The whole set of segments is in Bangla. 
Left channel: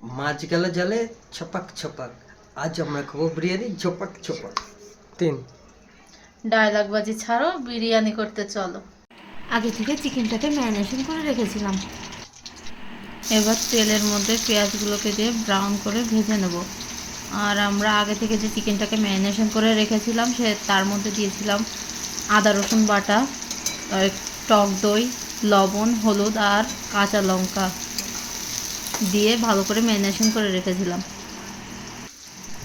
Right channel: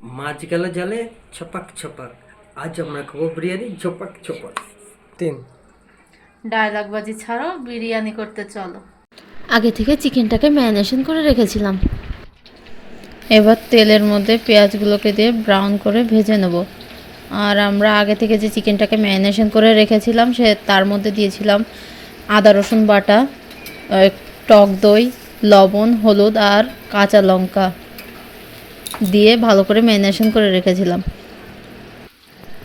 মাছ গেল জালে ছপাক ছপাক, আজ আমরা খাবো বিরিয়ানি ঝপাক ছপাক। তিন। ডায়লগ বাজি ছাড়ো, বিরিয়ানি করতে চলো। আগে থেকে চিকেনটাকে ম্যারিনেশন করে রেখেছিলাম। এবার তেলের মধ্যে পেঁয়াজগুলোকে দিয়ে ব্রাউন করে ভেজে নেব। আর আমরা আগে থেকে যে চিকেনটাকে ম্যারিনেশন করে রেখেছিলাম তার মধ্যে দিয়েছিলাম আদা রসুন বাটা, টক দই, লবণ, হলুদ আর কাঁচা লঙ্কা দিয়ে ভালো করে ম্যারিনেশন করে রেখেছিলাম।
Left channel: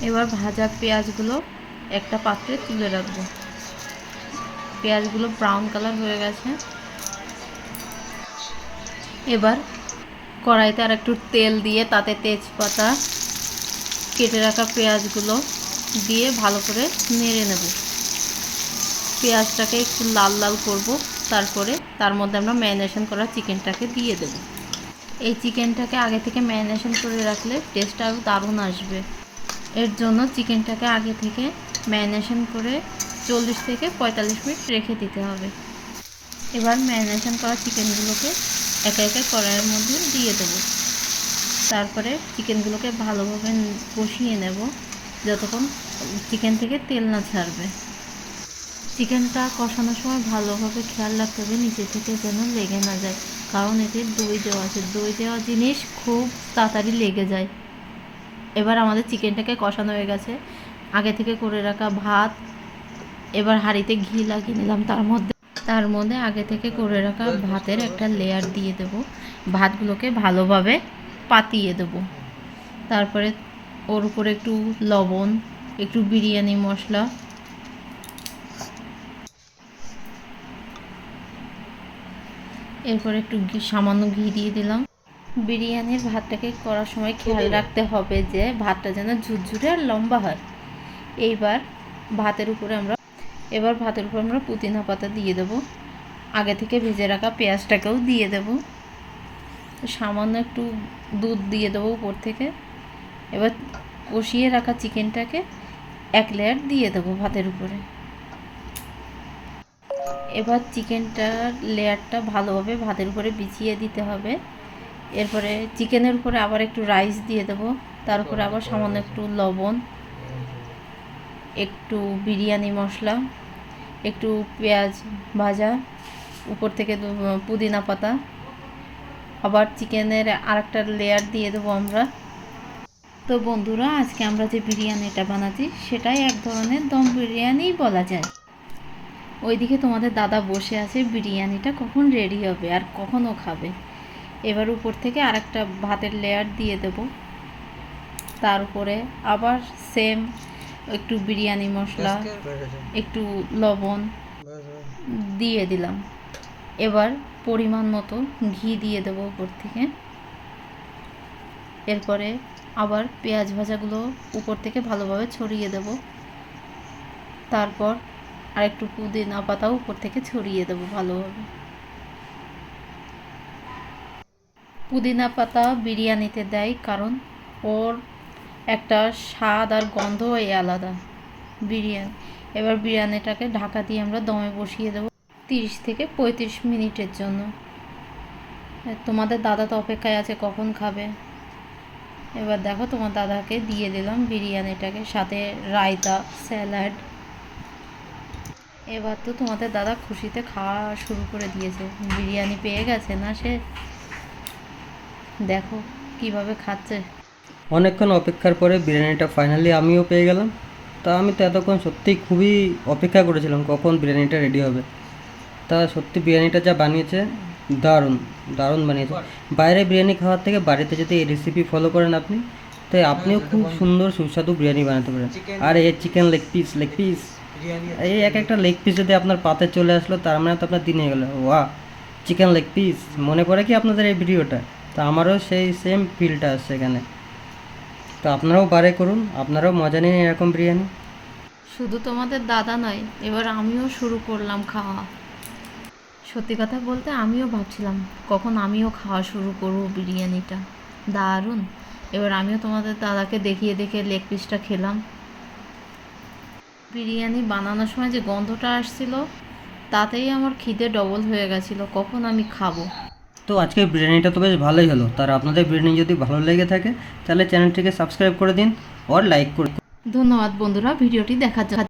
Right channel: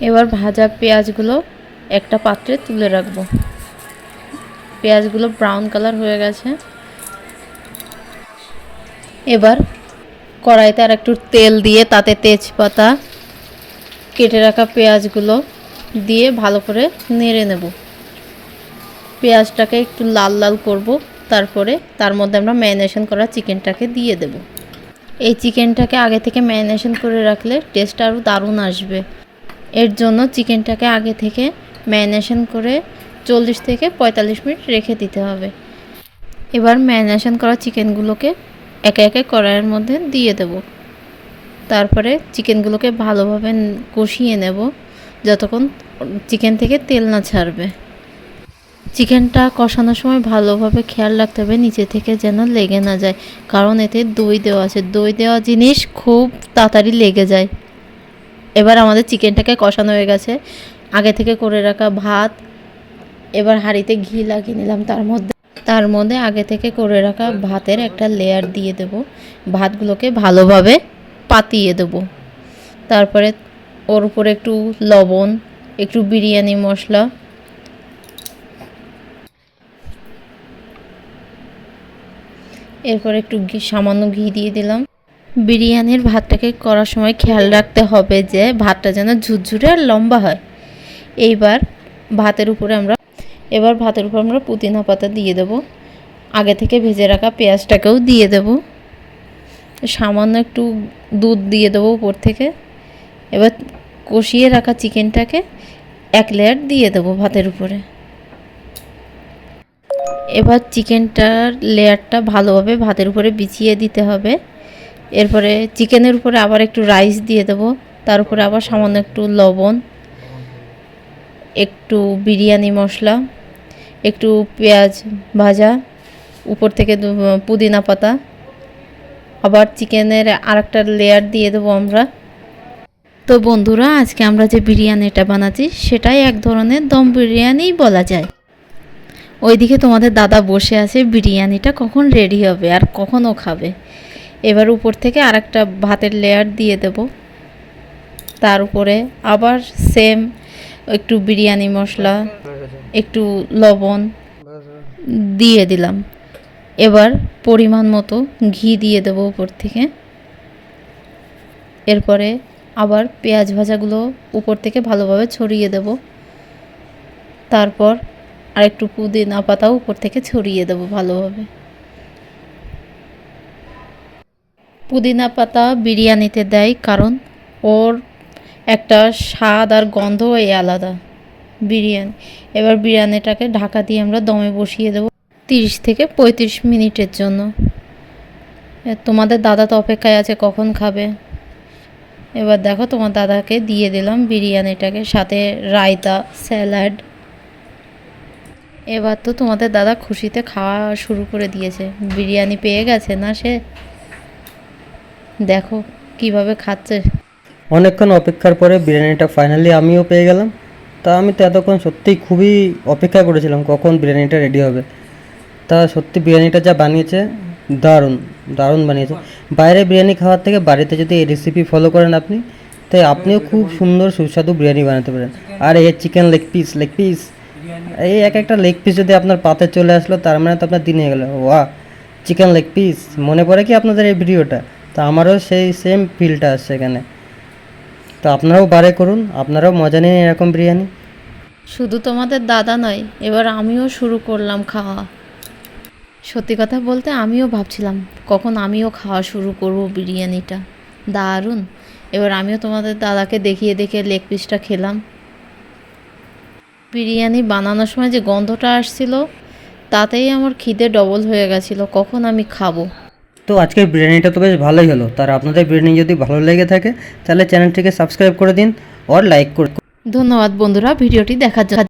এবার ভাজা পেঁয়াজগুলো একটা পাত্রে তুলে রাখবো। পেঁয়াজগুলো ব্রাউন কালার হয়ে গেছে। এবার কড়াইতে আর একটু তেল দিয়ে তাতে তেজপাতা, কেটে রাখা পেঁয়াজগুলো দিয়ে ভালো করে নেড়ে নেব। পেঁয়াজটাকে একটু লাল লাল করব, তারপরে তার মধ্যে আমরা ম্যারিনেশন করা চিকেনটাকে দিয়ে দেব। এই চিকেনটাকে আগে থেকে ম্যারিনেশন করে রাখলে টেস্ট আরও দারুণ আসবে। এর জন্য চিকেনটাকে আগে থেকে ম্যারিনেশন করে 40 থেকে 45 মিনিট রেখে দিতে হবে। এবার ম্যারিনেশন করা চিকেনগুলোকে একে একে কড়াইয়ের মধ্যে দিয়ে দেব। তারপরে চিকেনগুলোকে ভালোভাবে কষিয়ে নেব যতক্ষণ চিকেন থেকে তেল না ছাড়বে। চিকেনটা কষানোর সময় ভালোভাবে খেয়াল রাখতে হবে নিচে থেকে যেন লেগে না যায়, কারণ এতে দই দেওয়া আছে। দই দেওয়া জিনিস খুব তাড়াতাড়ি লেগে যায়। এবার আমাদের চিকেনটাকে কষানো হয়ে গেছে। আগে থেকে করে রাখা ভাত, এবার হাঁড়িতে ঘি লাগিয়ে নিলাম, তার মধ্যে আগে থেকে করে রাখা ভাতের একটা লেয়ার দিয়ে দেব। ভাতগুলোকে ভালোভাবে পাতিয়ে দেব। তারপরে ওর উপরে একটু লবণ, একটু বিরিয়ানি মশলা, এরপর একটু সামান্য ঘি দিয়ে দিলাম। বিরিয়ানির ভাতটাকে করার সময় খেয়াল রাখতে হবে যে ভাতটা যেন ঝুরঝুরে আর লম্বা হয়। এইবার ভাতের উপরে আমরা পুদিনা পাতা দিয়ে দেব। আগে থেকে ভেজে রাখা পেঁয়াজটাকেও দিয়ে দেব। সামান্য একটু দুধ দিয়ে দেবো উপর থেকে। এবার কষিয়ে রাখা চিকেনটাকে এক লেয়ার দিয়ে দেবো ভাতের উপরে। এবার চিকেনটার লেয়ারটা ভালোভাবে ভাতের উপরে বিছিয়ে দিতে হবে। এরপরে চিকেনের উপরে আবার একটু রাইস দিয়ে দেবো। তার উপরে আবার সামান্য একটু লবণ, একটু বিরিয়ানি মশলা, একটু পেঁয়াজ ভাজা, উপর থেকে পুদিনা পাতা, আবার চিকেনের আরেকটা লেয়ার দিয়ে দেবো আমরা। তো বন্ধুরা, আজকে আমরা যে বিরিয়ানিটা বানাচ্ছি সেটাই এক ধরনের দম বিরিয়ানিই বলা যায়। ওইদিকে তোমাদের দাদা বসে আছে, বিরিয়ানিটা কখন রেডি হবে আর কখন ও খাবে। এবার উপর থেকে আরেকটা ভাতের লেয়ার দিয়ে দেব। তার উপরে আবার সেম একটু বিরিয়ানি মশলা, একটু লবণ দিয়ে দিলাম। এবার পরিমাণ মতো ঘি দিয়ে দেবো উপর থেকে। এরপরে আবার পেঁয়াজ ভাজাগুলো উপর থেকে ভালোভাবে ছড়িয়ে দেব। তারপর আর একটু পুদিনা পাতাও উপর থেকে ছড়িয়ে দেবো ভালোভাবে। পুদিনা পাতা বিরিয়ানিতে দেয় কারণ ওর একটা স্বাদ আর গন্ধই আলাদা বিরিয়ানি। এবার বিরিয়ানিটাকে ঢাকা দিয়ে আমরা দমে বসিয়ে দেবো 30 থেকে 35 মিনিটের জন্য। তোমাদের দাদা তো অপেক্ষায় আছে কখন খাবে। এবার দেখো, তোমার দাদাকে দিয়ে দিলাম বিরিয়ানিটাকে, সাথে রায়তা, স্যালাড। এবার তো তোমাদের দাদা খুশিতে খাওয়া শুরু করে দিয়েছে। বিরিয়ানি পেয়ে গেছে না সে, দেখো কিভাবে খাচ্ছে। অনেকক্ষণ অপেক্ষার পরে বিরিয়ানিটা ফাইনালি আমিও পেয়ে গেলাম। তা আমি তো এতক্ষণ সত্যিই খুবই অপেক্ষা করেছিলাম কখন বিরিয়ানিটা রেডি হবে। তা সত্যি বিরিয়ানিটা যা বানিয়েছে দারুণ, দারুণ বানিয়েছে। বাইরে বিরিয়ানি খাওয়ার থেকে বাড়িতে যদি এই রেসিপি ফলো করেন আপনি, তাই আপনিও খুব সুন্দর সুস্বাদু বিরিয়ানি বানাতে পারেন। আর এই চিকেন লেগ পিস, এই এক একটা লেগ পিস যদি আপনার পাতে চলে আসলো, তার মানে তো আপনার দিন হয়ে গেলো। ওয়াহ, চিকেন লেগ পিস মনে পড়ে কি আপনাদের এই ভিডিওটা? তো আমারও সেই সেম ফিলটা আসছে এখানে। তো আপনারাও বারে করুন, আপনারাও মজা নিন এরকম বিরিয়ানি। শুধু তোমাদের দাদা নয়, এবার আমিও শুরু করলাম খাওয়া। সত্যি কথা বলতে আমিও ভাবছিলাম কখন আমিও খাওয়া শুরু করব বিরিয়ানিটা। দারুণ। এবার আমিও তোমাদের দাদাকে দেখিয়ে দেখে লেগ পিসটা খেলাম। বিরিয়ানি বানানোর সময় যে গন্ধটা আসছিল, তাতেই আমার খিদে ডবল হয়ে গেছিলো কখন আমি খাবো। তো আজকের বিরিয়ানিটা তো বেশ ভালোই হলো। তার আপনাদের বিরিয়ানি যদি ভালো লেগে থাকে তাহলে চ্যানেলটিকে সাবস্ক্রাইব করে দিন আর লাইক করে ধন্যবাদ বন্ধুরা ভিডিওটি দেখার জন্য।